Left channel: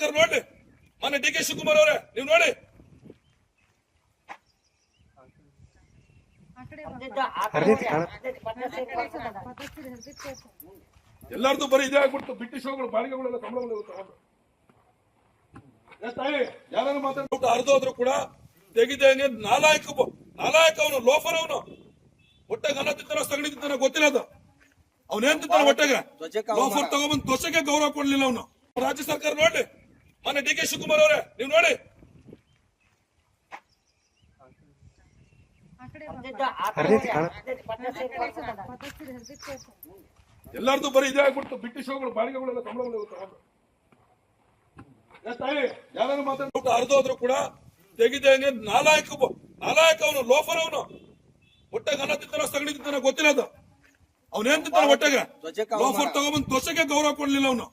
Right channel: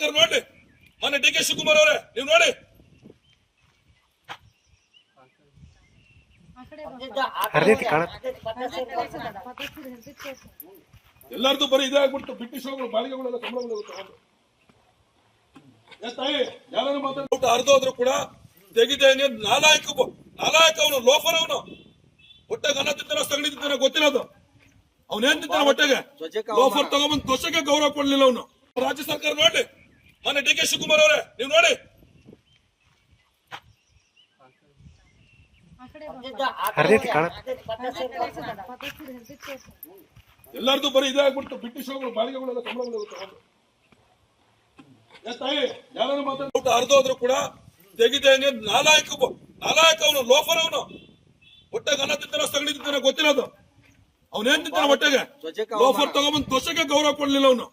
ಸರ್ಕಾರ ನೋಡಿ ಮೊನ್ನೆ ಡಿ ಕೆ ಶಿವಕುಮಾರ್ ಅವರೇ ನೀವು ನೋಡಿ ಎಲ್ಲರದು ಬರೀ ಇದೇ ಆಗ್ಬಿಟ್ಟು ಬ್ರಿಟಿಷ್ ಬಾಳಿಗೆಗಳೆಲ್ಲ ಸಂಬಳಗಳೆಲ್ಲ ತಗೊಂಡು ಯಾರು ಮಾತಾಡ್ಬಿಟ್ಟು ಅರ್ಧೋದ್ರು ಕೂಡ ತೆಗಿದಂಗೆ ನಾಲಾಯಕ ಅವನು ಲೋಫರ್ ಅವನು ಹೊಟ್ಟೆಗೆ ಅನ್ನ ತಿಂತಾನ ಸಗಣಿ ತಿಂತಾನೆ ಗೊತ್ತಿಲ್ಲ ಅದು ಅವನೇನ್ ತಿಂತಾನೆ ಹೊಟ್ಟೆಗೆ ಲೋಫರ್ ತಗೊಂಡ್ಬಂದು ಧ್ವಜಕ್ಕೆ ಗೌರವ ಕೊಡ್ಲಿಲ್ಲ ಅವನು ರಾಜ್ಯ ಸರ್ಕಾರ ನೋಡಿ ಮೊನ್ನೆ ಡಿ ಕೆ ಶಿವಕುಮಾರ್ ಅವರೇ ನೀವು ನೋಡಿ ಎಲ್ಲರದು ಬರೀ ಇದೇ ಆಗ್ಬಿಟ್ಟು ಬ್ರಿಟಿಷ್ ಬಾಳಿಗೆಗಳೆಲ್ಲ ಸಂಬಳಗಳೆಲ್ಲ ತಗೊಂಡು ಯಾರು ಮಾತಾಡ್ಬಿಟ್ಟು ಅರ್ಧೋದ್ರು ಕೂಡ ತೆಗಿದಂಗೆ ನಾಲಾಯಕ ಅವನು ಲೋಫರ್ ಅವನು ಹೊಟ್ಟೆಗೆ ಅನ್ನ ತಿಂತಾನೆ ಸಗಣಿ ತಿಂತಾನೆ ಗೊತ್ತಿಲ್ಲ ಅದು ಅವನೇನ್ ತಿಂತಾನೆ ಹೊಟ್ಟೆಗೆ ಲೋಫರ್ ತಗೊಂಡ್ಬಂದು ಧ್ವಜಕ್ಕೆ ಗೌರವ ಕೊಡ್ಲಿಲ್ಲ ಅವನು